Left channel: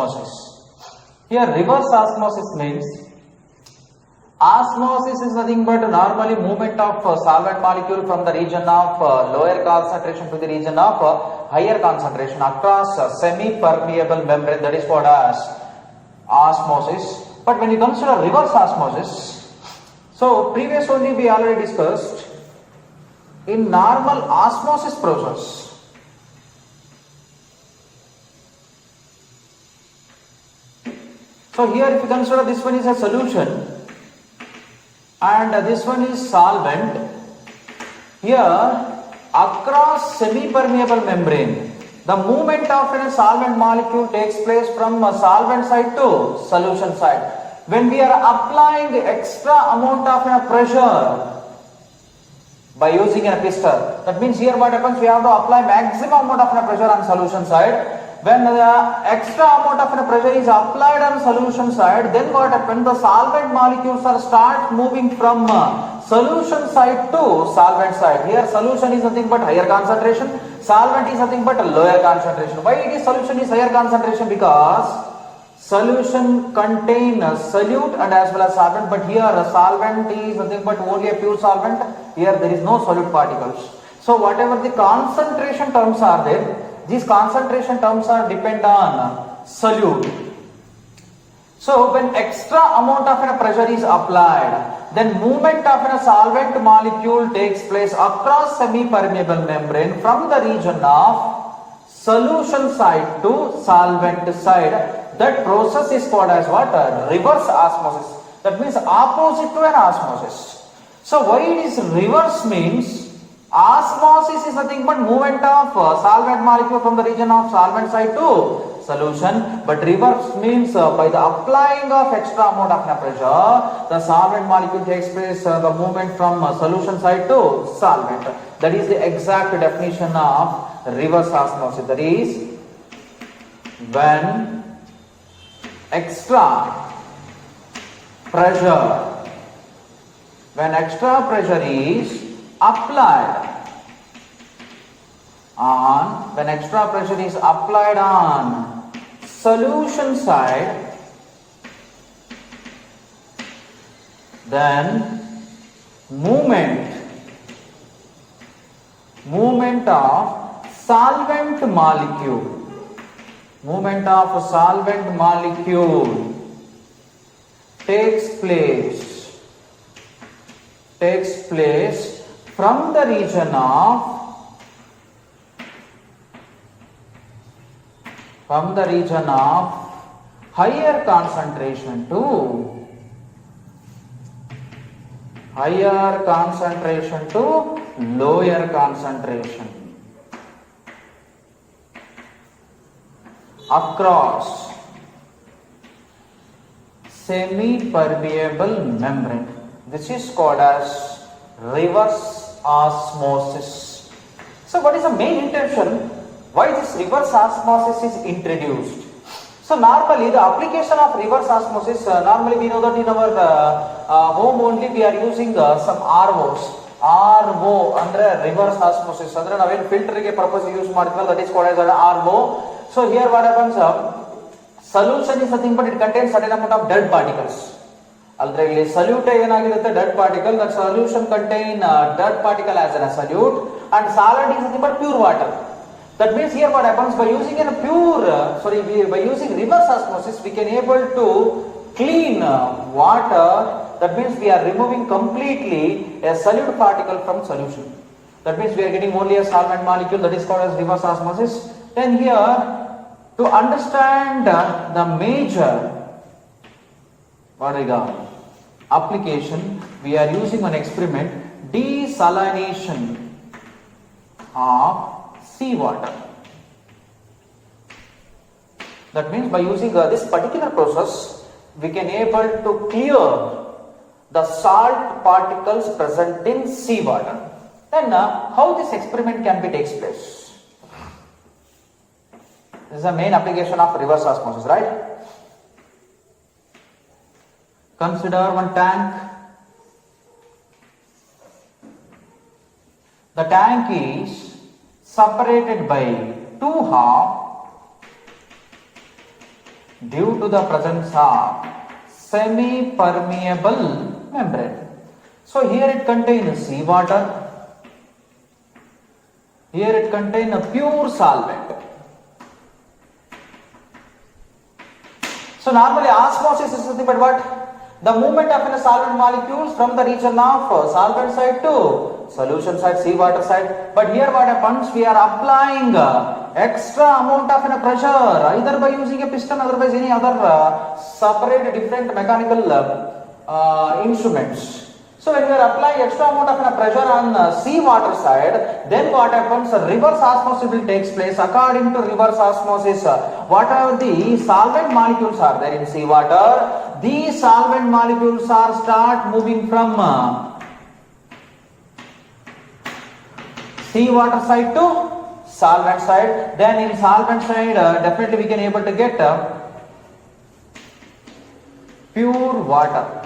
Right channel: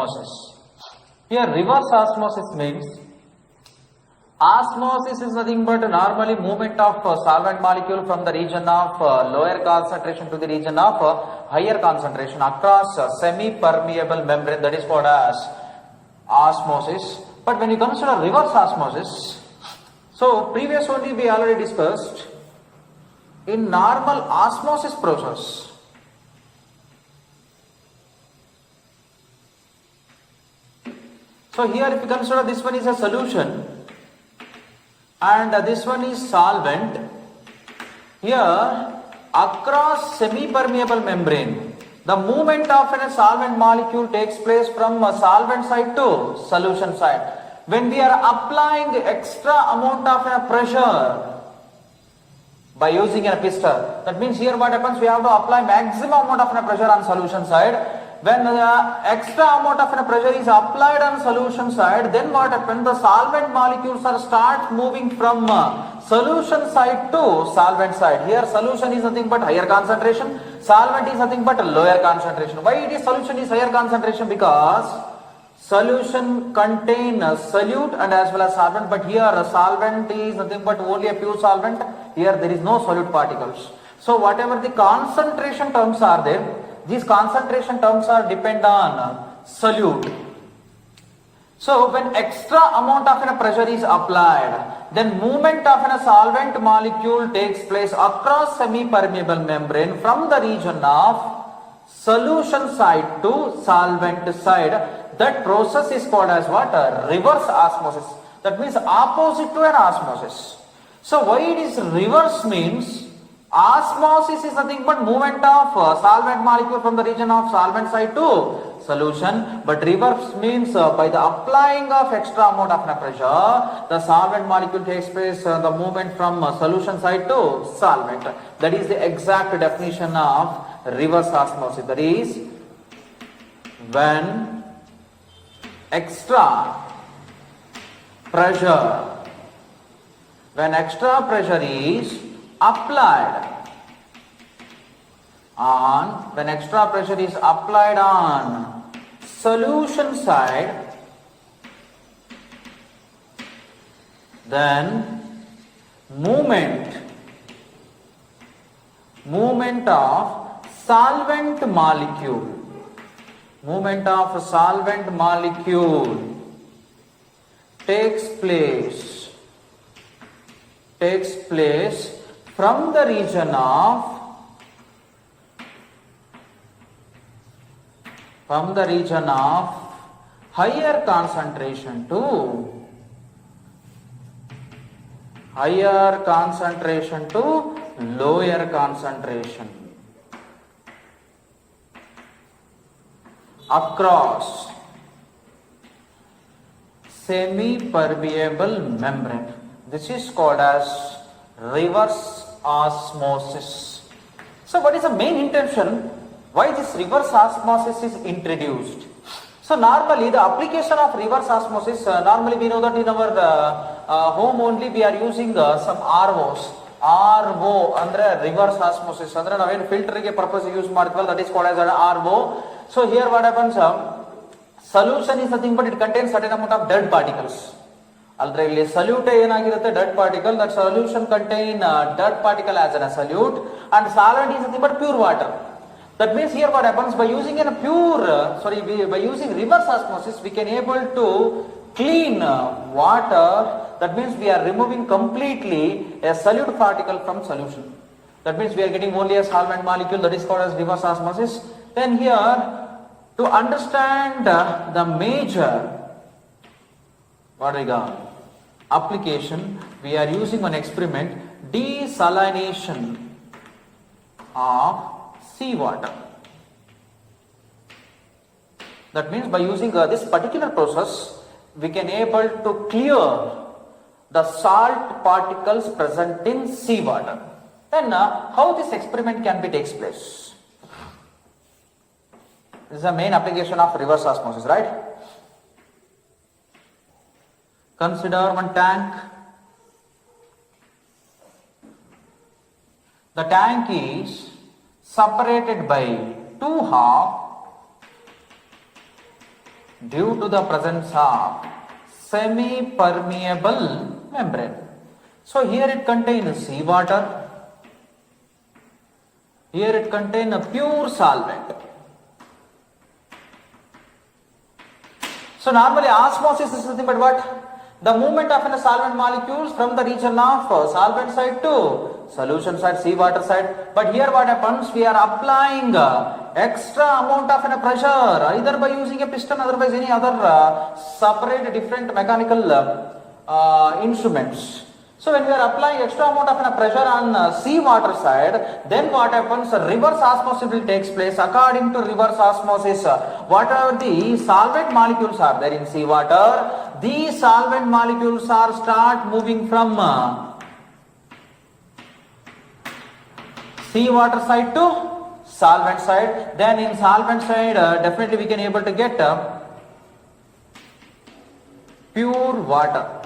osmosis. Here reverse osmosis means osmosis is nothing but normally movement of solvent molecule from the region of lower concentration to the region of higher concentration across semi-permeable membrane, that is called as osmosis. But when you consider reverse osmosis, so previous only we already discussed in normal osmosis process. So here if you consider this one is a solution and this one is solvent, here across semi-permeable membrane, the movement of a solvent molecule takes place from a solvent side to solution side. When we are applying extra amount of pressure by using a piston, that means here what happens, we have to apply maximum amount of pressure on solution side. When the extra amount of pressure is applied on solution side, then what happens, the solvent molecules are start moving from solution side to solvent side. Here solution is nothing but higher concentration, solvent is nothing but lower concentration. Why it is solution is higher concentration? Because solution contain solute and as well as solvent, but here a solvent is nothing but only a pure solvent. Here there is no solute particles. So whatever the concentration terms are there, these concentration terms are depend on solute. So when extra amount of pressure is applied, then movement of a solvent molecule takes place across semi-permeable membrane from the region of solution side to solvent side. That process is called as what? Reverse osmosis. That means opposite to an osmosis. So why it is reverse means, osmosis is nothing but movement of solvent molecule from the region of solvent side to solution, but reverse means by the applying of extra amount of pressure, the solvent molecule takes place the movement from solution side to solvent. That is the exact definition of reverse osmosis. That is when extra pressure is applied on solution side, then movement of solvent molecule takes place from the region of higher concentration to lower concentration across semi-permeable membrane. This is called as reverse osmosis. So what is the main intention? Why this reverse osmosis is introduced? So normally the application of reverse osmosis, normally we know that in our home only we are using some ROs. RO under reverse osmosis. Andre naven filter ge purpose use martibal, that is called as RO. So here what happens, solution is nothing but it contains certain amount of dead particles. Already solute ಏನಾಗಿರುತ್ತೆ dead particle, that solution contain dead particle as a solute, and solvent is nothing but pure water. That means here what happens, by using by using reverse osmosis we can able to clean water. That means we are removing completely a solute particle from solution. That means we are getting only a solvent molecule, that is called as reverse osmosis. Then here, to understand the major application, we are using an experiment, desalination of seawater. That means by using this particular process, we can able to clear the salt particles present in seawater. Then how this experiment can be takes place? This is the main application of reverse osmosis, right? Consider one tank. The tank is separated by two halves due to the presence of semi-permeable membrane. So here it contains seawater, here it contains a pure solvent. So normally osmosis is nothing but what? The movement of the solvent molecules from the region of solvent side to solution side, seawater side. But here what happens? We are applying extra amount of pressure either by using a piston, otherwise any other separate different mechanical instruments. So when we are applying extra amount of pressure on seawater side, then what happens? Reverse osmosis will takes place. According to reverse osmosis, whatever the solvent molecules are there in seawater, these solvent molecules are start moving from seawater side to solvent side. Then in solvent side, definitely we can able to get pure water.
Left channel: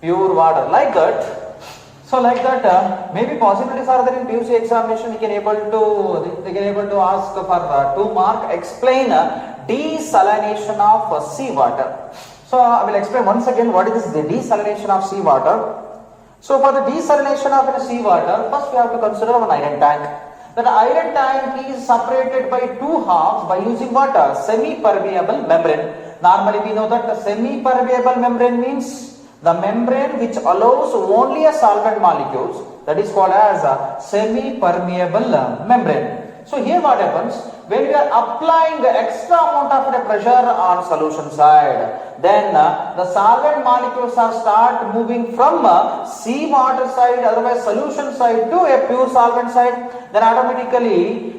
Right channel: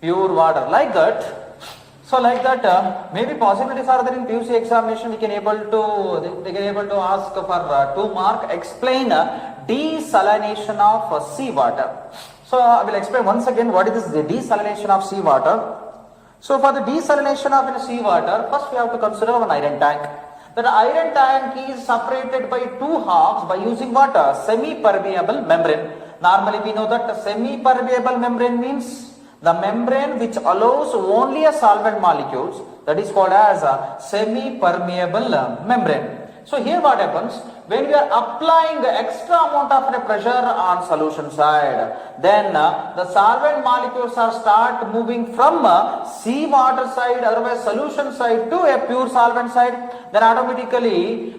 Pure water, like that. So like that, maybe possibilities are there in PUC examination. We can able to they can able to ask for 2 mark. Explain desalination of seawater. So I will explain once again what is the desalination of seawater. So for the desalination of seawater, first we have to consider an iron tank. That iron tank is separated by 2 halves by using what? Semi-permeable membrane. Normally we know that semi-permeable membrane means the membrane which allows only a solvent molecules, that is called as a semi-permeable membrane. So here what happens? When we are applying the extra amount of pressure on solution side, then the solvent molecules are start moving from seawater side, otherwise solution side to a pure solvent side. Then automatically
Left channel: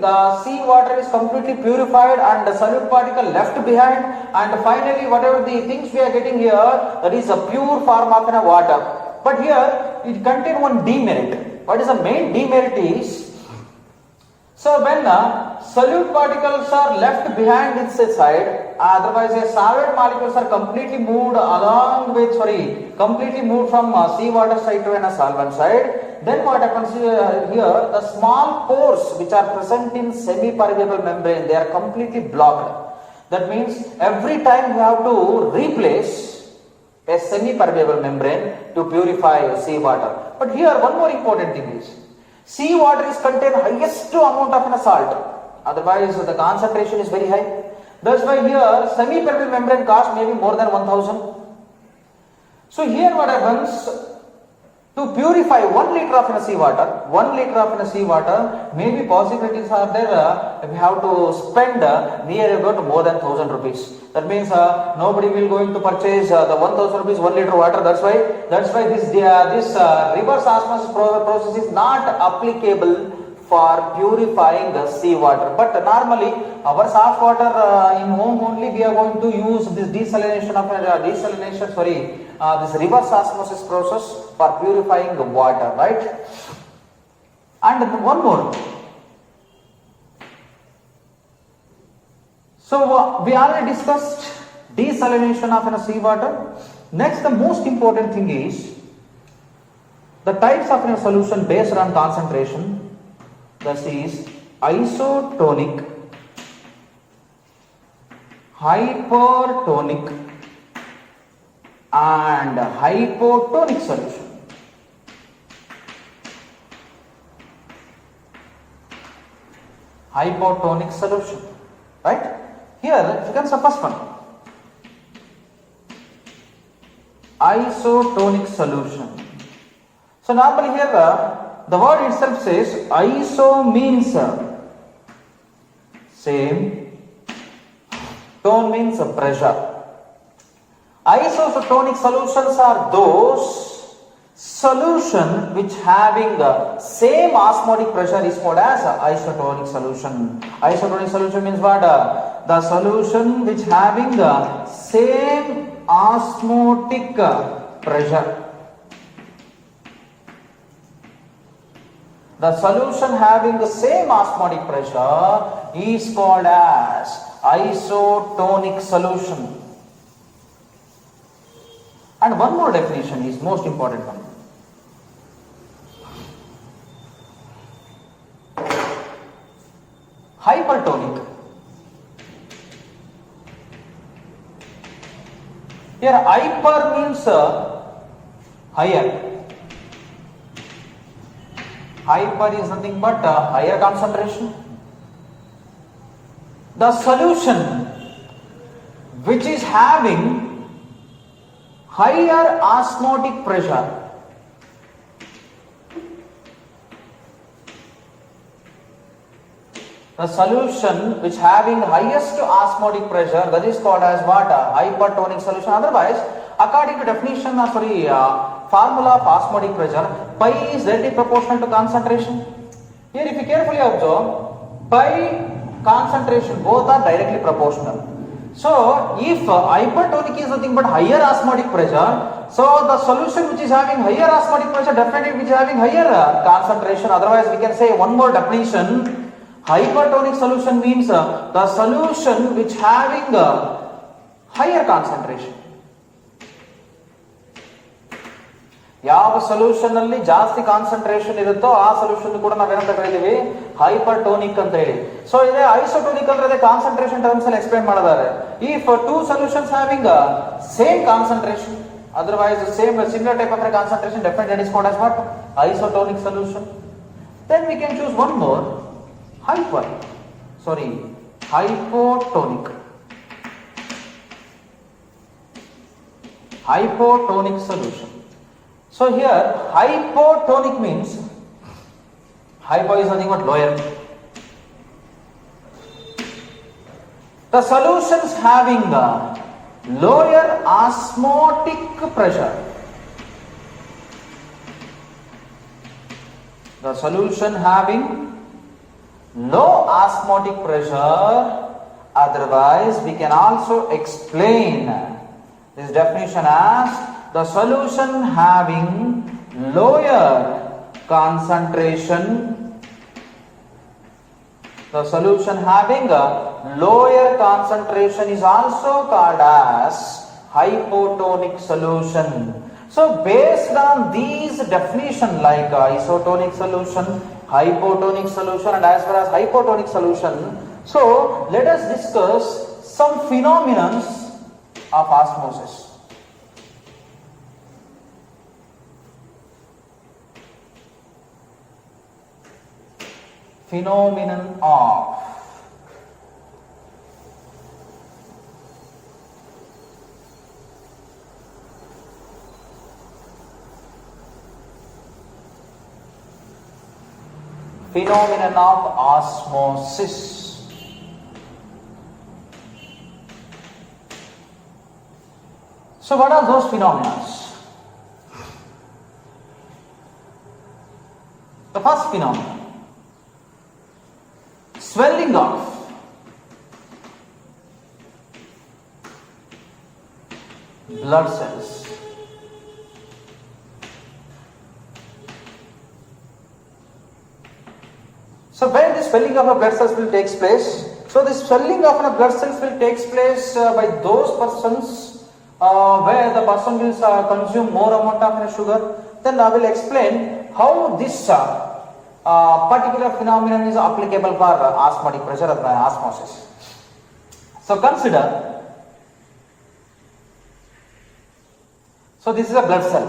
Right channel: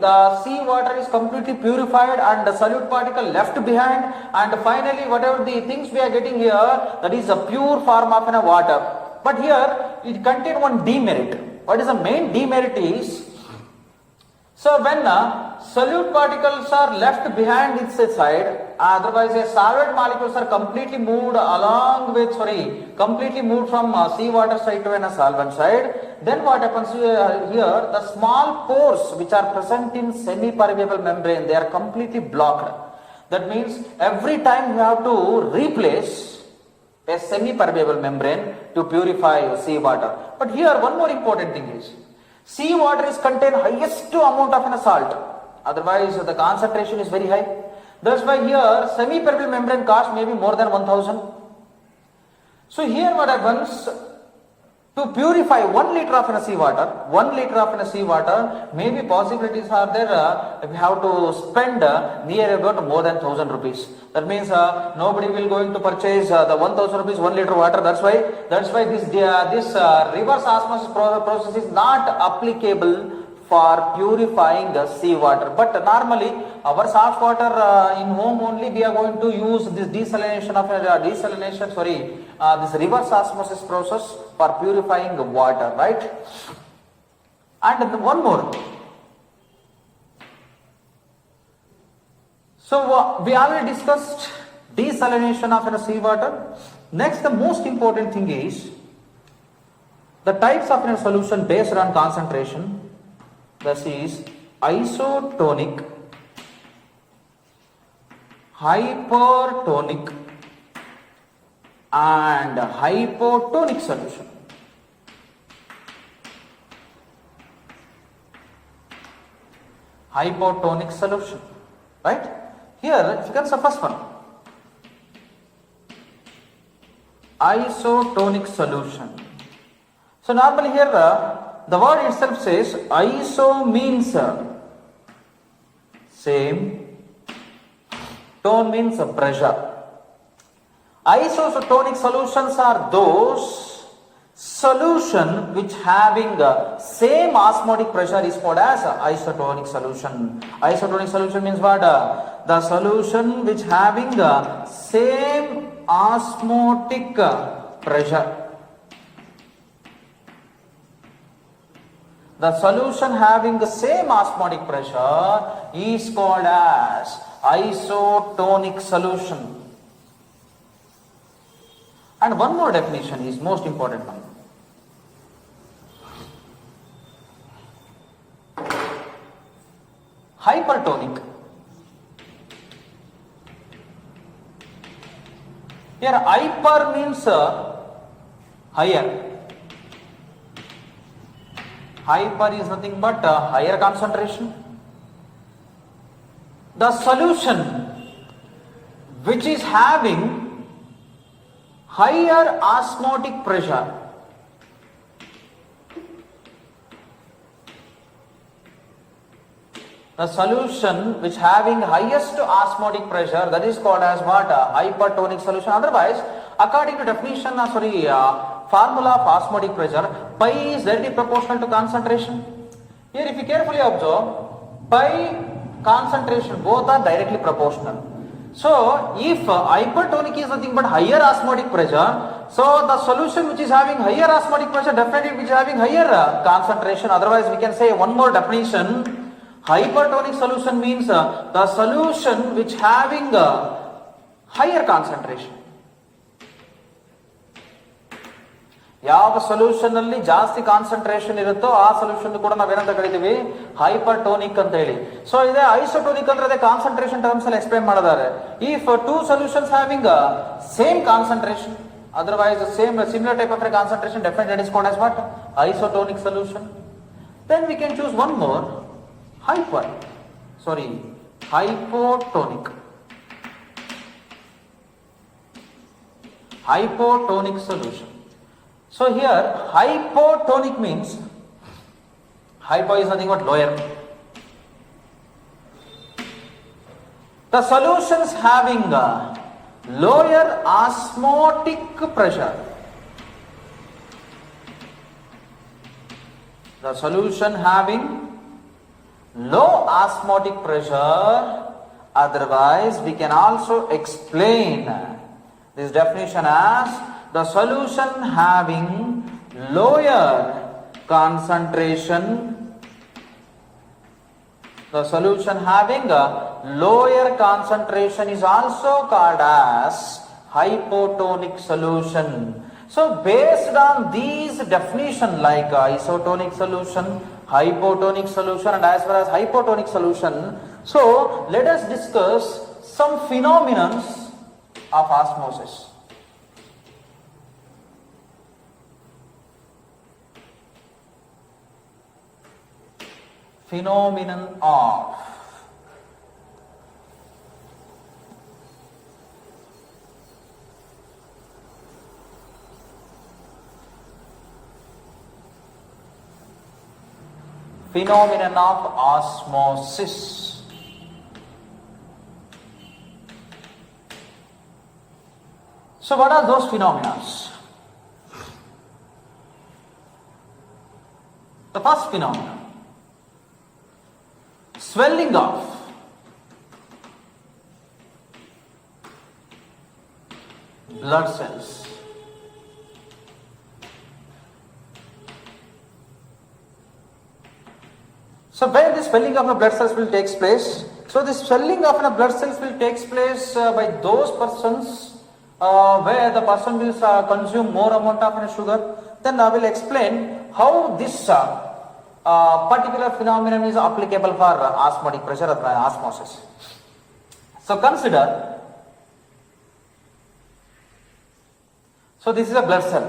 the seawater is completely purified and the solute particle left behind, and finally whatever the things we are getting here, that is a pure form of water. But here it contains one demerit. What is the main demerit is, so when solute particles are left behind its side, otherwise the solvent molecules are completely moved completely moved from seawater side to a solvent side, then what happens here, the small pores which are present in semi-permeable membrane, they are completely blocked. That means every time you have to replace a semi-permeable membrane to purify seawater. But here one more important thing is, seawater is contain highest amount of salt, otherwise the concentration is very high. That's why here semi-permeable membrane cost maybe more than 1000. So here what happens, to purify 1 liter of seawater, maybe possibilities are there, we have to spend near about more than 1000 rupees. That means nobody will going to purchase the 1000 rupees 1 liter water. That's why this reverse osmosis process is not applicable for purifying the seawater. But normally our soft water in home only we are going to use this this reverse osmosis process for purifying the water, right? And one more. So we already discussed desalination of seawater. Next, the most important thing is the types of solution based on concentration. That is isotonic, hypertonic and hypotonic solution. Hypotonic solution, right? Here you can see first one, isotonic solution. So normally here the word itself says iso means same, tone means pressure. Isotonic solutions are those solution which having same osmotic pressure is called as isotonic solution. Isotonic solution means what? The solution which having same osmotic pressure. The solution having the same osmotic pressure is called as isotonic solution. And one more definition is most important one. Hypertonic. Here hyper means higher. Hyper is nothing but higher concentration. The solution which is having higher osmotic pressure, the solution which having highest osmotic pressure, that is called as what? Hypertonic solution. Otherwise, according to definition, formula of osmotic pressure, pi is directly proportional to concentration. Here if you carefully observe, pi, concentration, both are directly proportional. So if hypertonic is nothing but higher osmotic pressure, so the solution which is having higher osmotic pressure definitely which is having higher concentration. Otherwise we can say one more definition, hypertonic solution means the solution which having higher concentration. ಯಾವ solution ಅಲ್ಲಿ ಜಾಸ್ತಿ concentration ಇರುತ್ತೋ ಆ solution ಕೂಡ ನಾವೇನಂತ ಕರಿತೀವಿ ಹೈಪರ್ಟೋನಿಕ್ ಅಂತ ಹೇಳಿ. ಸೊ ಇದೆ ಐಸೋಟೋನಿಕ್ ಅಂದ್ರೆ ಅದೇ ಕಾನ್ಸಂಟ್ರೇಷನ್ ಟರ್ಮ್ಸ್ ಅಲ್ಲಿ ಎಕ್ಸ್ಪ್ಲೈನ್ ಮಾಡಿದ್ದಾರೆ. If two solutions having same concentration, otherwise same similar type of concentration, definitely that is called as what? Isotonic solution. Then we can choose one more, hypotonic. Hypotonic solution. So here hypotonic means hypo is nothing but lower. The solutions having lower osmotic pressure. The solution having low osmotic pressure, otherwise we can also explain this definition as the solution having lower concentration, the solution having a lower concentration is also called as hypotonic solution. So based on these definitions like isotonic solution, hypotonic solution and as well as hypotonic solution, so let us discuss some phenomena of osmosis. Phenomenon of osmosis. So what are those phenomena? The first phenomenon, swelling of blood cells. So where this swelling of a blood cells will take place? So this swelling of a blood cells will take place by those persons where the person will consume more amount of sugar. Then I will explain how this particular phenomenon is applicable for osmotic pressure or osmosis. So consider, so this is a blood cell.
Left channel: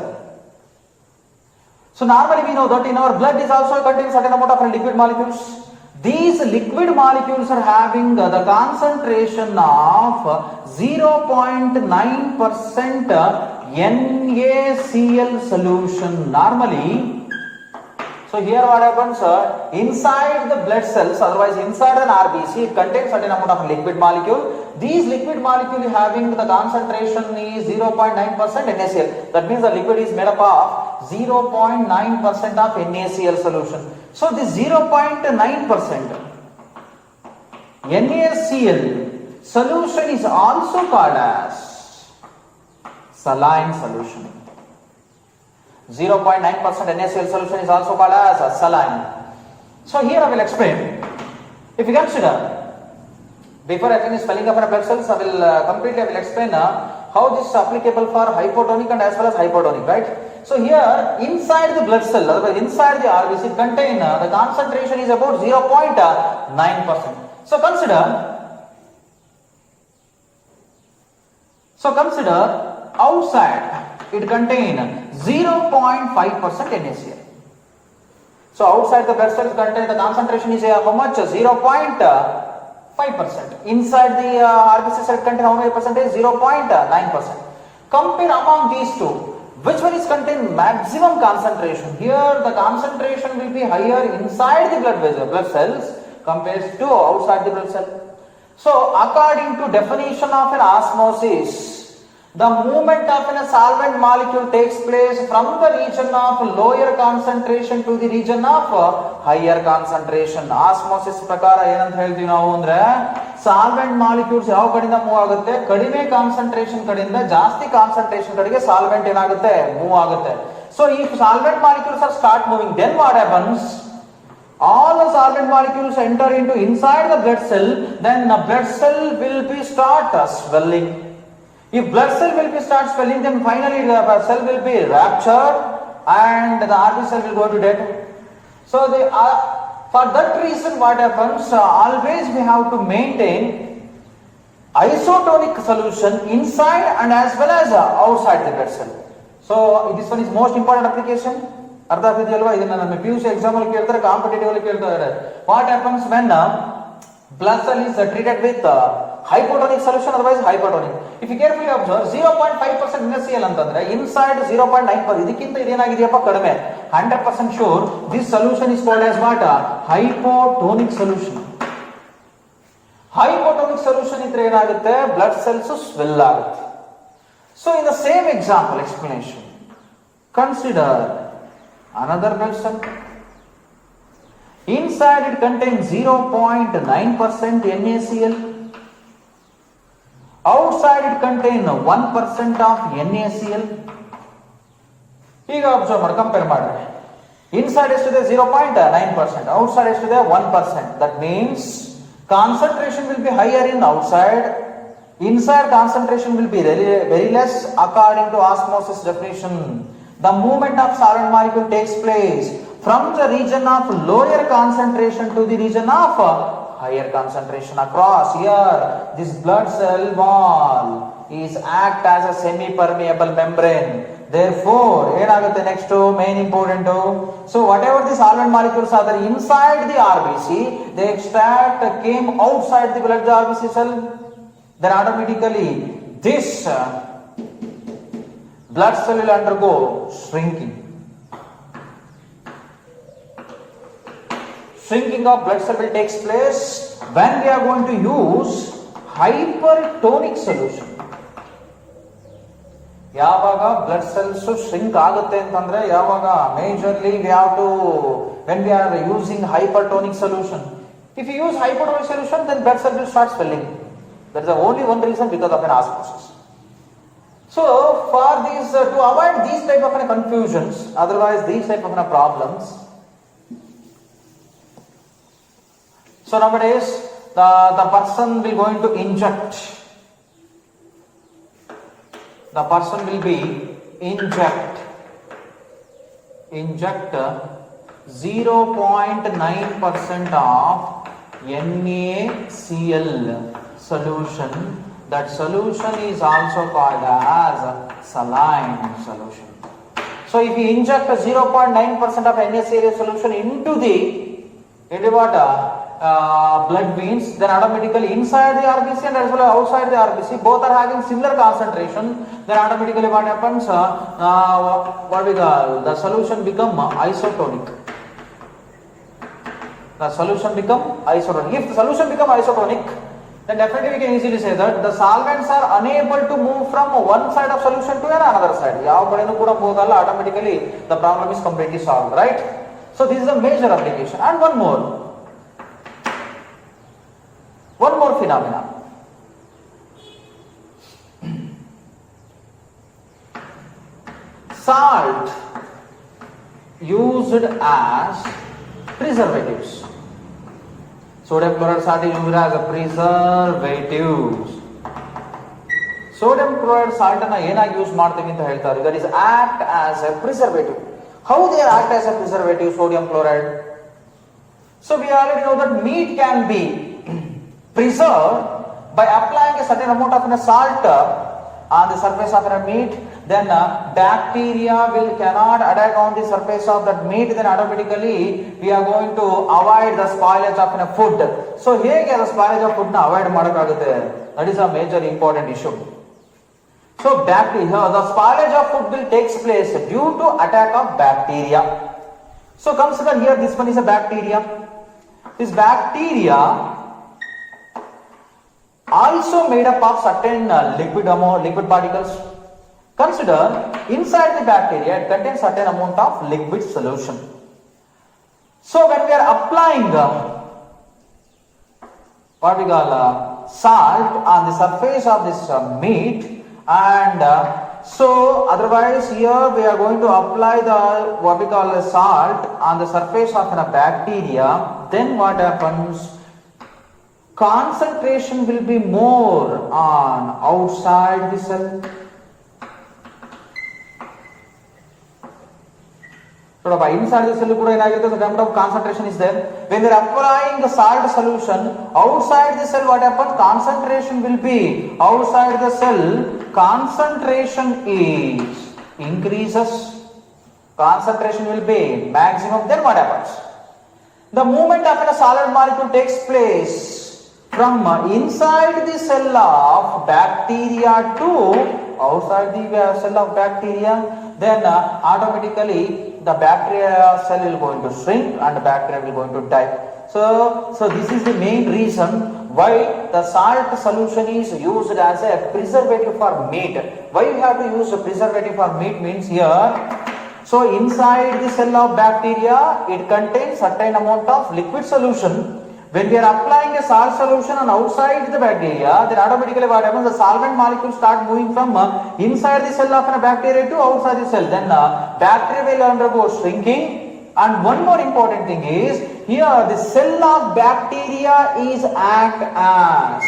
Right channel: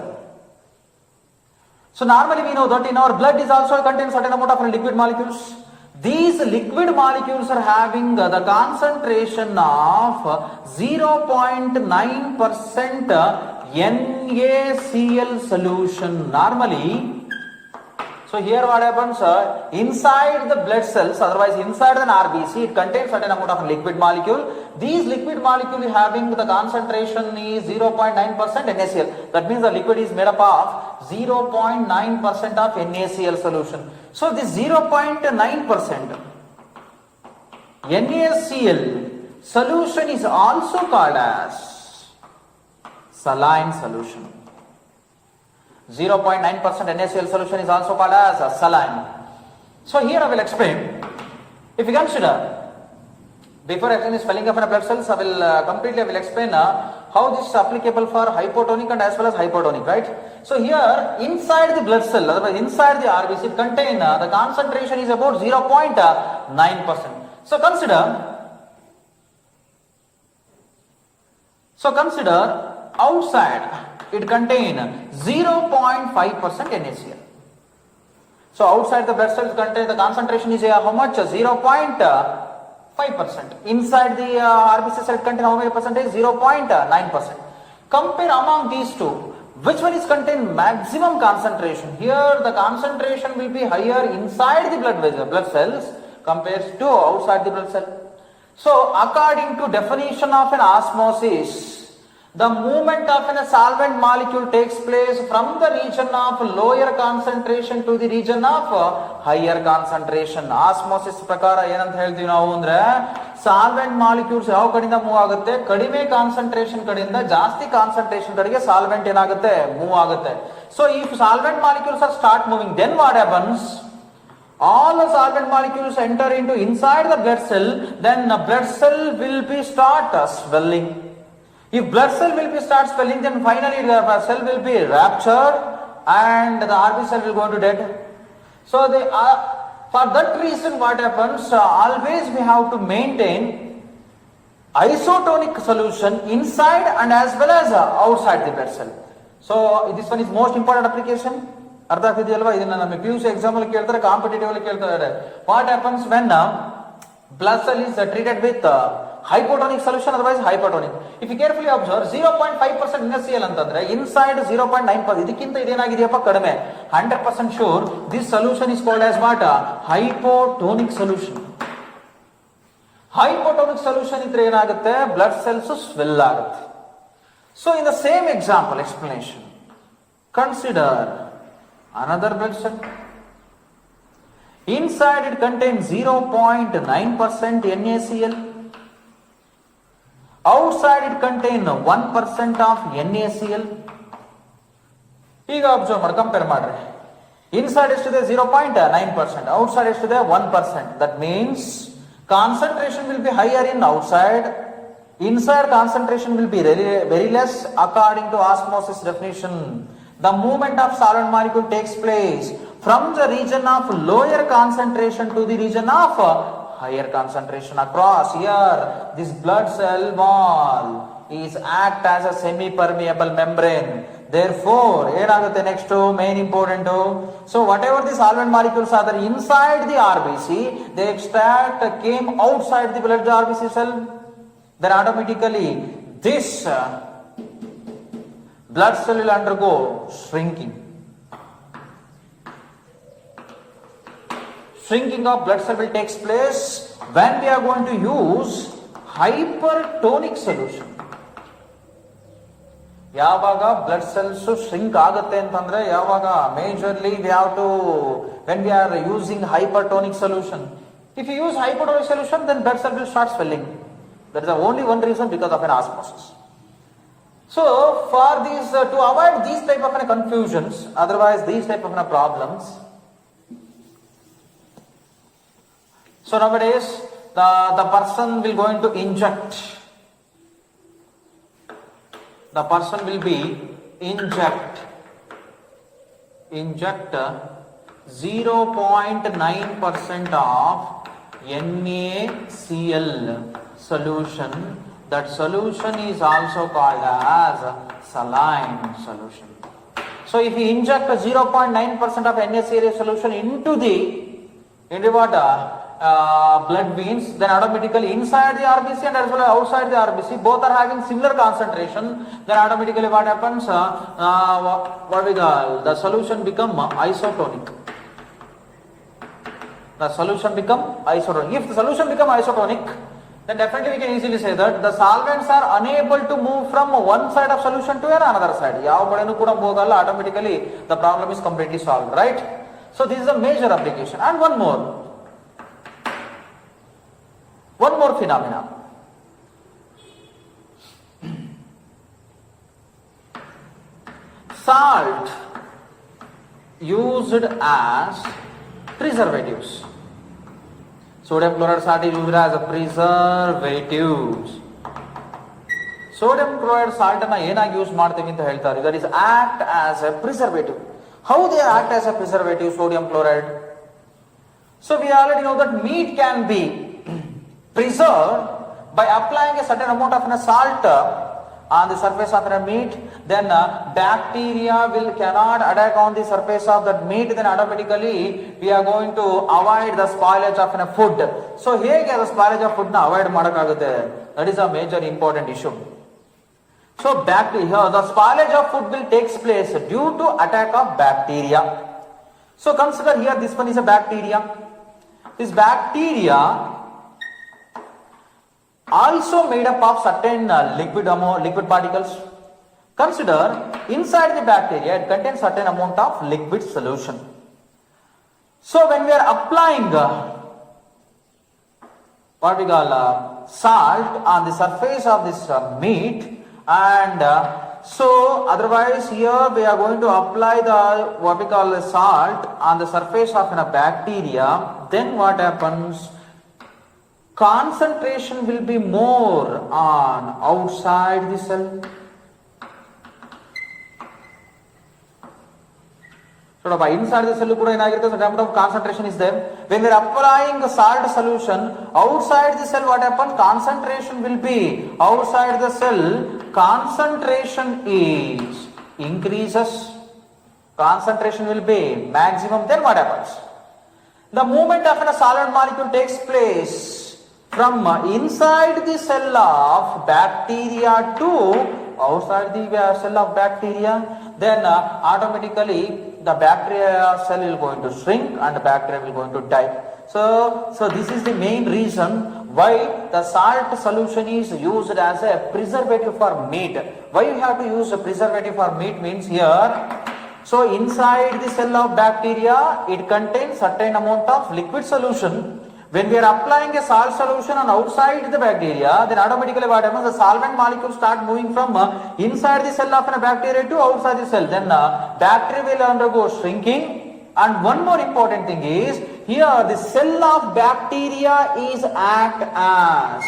So normally we know that in our blood is also contains certain amount of liquid molecules. These liquid molecules are having the concentration of 0.9% NaCl solution normally. So here what happens, inside the blood cells, otherwise inside an RBC, it contains certain amount of liquid molecule. These liquid molecule having the concentration is 0.9% NaCl. That means the liquid is made up of 0.9% of NaCl solution. So this 0.9% NaCl solution is also called as saline solution. 0.9% NaCl solution is also called as a saline. So here I will explain. If you consider, before I think spelling of blood cells, I will explain how this is applicable for hypotonic and as well as hypotonic, right? So here inside the blood cell, inside the RBC contain the concentration is about 0.9%. So consider outside it contain 0.5% NaCl. So outside the blood cells contain the concentration is how much? 0.5%. Inside the RBC cell contain how many percentage? 0.9%. Compare among these two, which one is contain maximum concentration? Here the concentration will be higher inside the blood cells compared to outside the blood cell. So according to definition of an osmosis, the movement of a solvent molecule takes place from the region of lower concentration to the region of higher concentration. Osmosis ಪ್ರಕಾರ ಏನಂತ ಹೇಳ್ತೀವಿ ನಾವು ಅಂದ್ರೆ solvent molecules ಯಾವ ಕಡೆಯಿಂದ move ಆಗುತ್ತೆ, ಕಡಿಮೆ concentration ಕಡೆಯಿಂದ ಜಾಸ್ತಿ ಕಾನ್ಸಂಟ್ರೇಷನ್ ಕಡೆಗೆ ಸಾಲ್ವೆಂಟ್ ಏನಾಗುತ್ತೆ, ಮೂವ್ ಆಗುತ್ತೆ. So if solvent molecules are start moving, then what happens? All the solvent molecules enter into inside the blood cell, then the blood cell will be start swelling. If blood cell will be start swelling, then finally the cell will be ruptured and the RBC cell will go to death. So for that reason what happens, always we have to maintain isotonic solution inside and as well as outside the blood cell. So this one is most important application. ಅರ್ಥ ಆಗ್ತಿದೆಯಲ್ವಾ? ಇದನ್ನ ನಮ್ಮ PUC exam ಅಲ್ಲಿ ಕೇಳ್ತಾರೆ, competitive ಅಲ್ಲಿ ಕೇಳ್ತಾರೆ. What happens when blood cell is treated with hypotonic solution, otherwise hypertonic. If you carefully observe, 0.5% NaCl ಅಂತಂದ್ರೆ inside 0.9%, ಇದಕ್ಕಿಂತ ಇದೇನಾಗಿದೆಯಪ್ಪ ಕಡಿಮೆ. 100% sure this solution is called as what? Hypotonic solution. Hypotonic solution ಇದ್ರೆ ಏನಾಗುತ್ತೆ, blood cells swell ಆಗುತ್ತೆ. So in the same example explanation, consider another blood cell. Inside it contains 0.9% NaCl. Outside it contains 1% of NaCl. ಈಗ observe ಮಾಡಿ, compare ಮಾಡ್ರಿ. Inside ಎಷ್ಟಿದೆ? 0.9%. Outside ಎಷ್ಟಿದೆ? 1%. That means concentration will be higher in outside. Inside concentration will be very less according to osmosis definition. The movement of solvent molecule takes place from the region of lower concentration to the region of higher concentration across. Here this blood cell wall is act as a semi-permeable membrane. Therefore ಏನಾಗುತ್ತೆ next main important. So whatever the solvent molecules are there inside the RBC, they extract came outside the blood RBC cell, then automatically this blood cell will undergo shrinking. Shrinking of blood cell will take place when we are going to use hypertonic solution. ಯಾವಾಗ blood cells shrink ಆಗುತ್ತೆ ಅಂತಂದ್ರೆ ಯಾವಾಗ majorly we have to when we are using hypertonic solution. If you use hypertonic solution, then blood cell will start swelling. That is the only one reason, because of an osmosis. So for these to avoid these type of confusions, otherwise these type of problems. So nowadays the person will going to inject. The person will be inject 0.9% of NaCl solution. That solution is also called as saline solution. So if you inject 0.9% of NaCl solution into what blood veins, then automatically inside the RBC and as well as outside the RBC, both are having similar concentration. Then automatically what happens? The solution become isotonic. The solution become isotonic. If the solution become isotonic, then definitely we can easily say that the solvents are unable to move from one side of solution to another side. ಯಾವ ಕಡೆನೂ ಕೂಡ move ಆಗಲ್ಲ, automatically the problem is completely solved, right? So this is a major application. And one more phenomena. Salt used as preservatives. Sodium chloride salt is used as a preservatives. Sodium chloride salt ಅನ್ನು ಏನಾಗಿ use ಮಾಡ್ತೀವಿ ಅಂತ ಹೇಳ್ತಾರೆ? That is act as a preservative. How they act as a preservative, sodium chloride? So we already know that meat can be preserved by applying a certain amount of salt on the surface of the meat, then bacteria cannot attack on the surface of that meat, then automatically we are going to avoid the spoilage of the food. So here the spoilage of food na avoid madakagutte. That is a major important issue. So bacteria, the spoilage of food will takes place due to attack of bacteria. So consider here this one is a bacteria. This bacteria also made up of certain liquid particles. Consider inside the bacteria it contains certain amount of liquid solution. So when we are applying what we call salt on the surface of this meat, and so otherwise here we are going to apply the what we call salt on the surface of a bacteria, then what happens? Concentration will be more on outside the cell. So inside the cell the amount of concentration is there. When we are applying the salt solution outside the cell, what happens? Concentration will be outside the cell. Concentration is increases. Concentration will be maximum. Then what happens? The movement of a solid molecule takes place from inside the cell of bacteria to outside the cell of bacteria, then automatically the bacteria cell will going to shrink and the bacteria will going to die. So this is the main reason why the salt solution is used as a preservative for meat. Why you have to use a preservative for meat means here, so inside the cell of bacteria it contains certain amount of liquid solution. When we are applying a salt solution on outside the bacteria, then automatically what happens? The solvent molecules start moving from inside the cell of a bacteria to outside the cell. Then bacteria will undergo shrinking. And one more important thing is, here the cell of bacteria is act as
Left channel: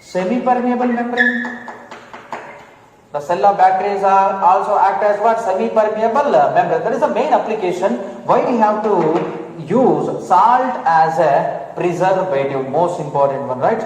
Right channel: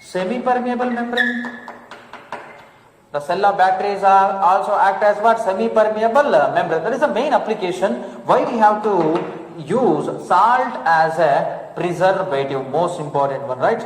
semi-permeable membrane. The cell of bacteria is also act as what? Semi-permeable membrane. That is the main application why we have to use salt as a preservative, most important one, right?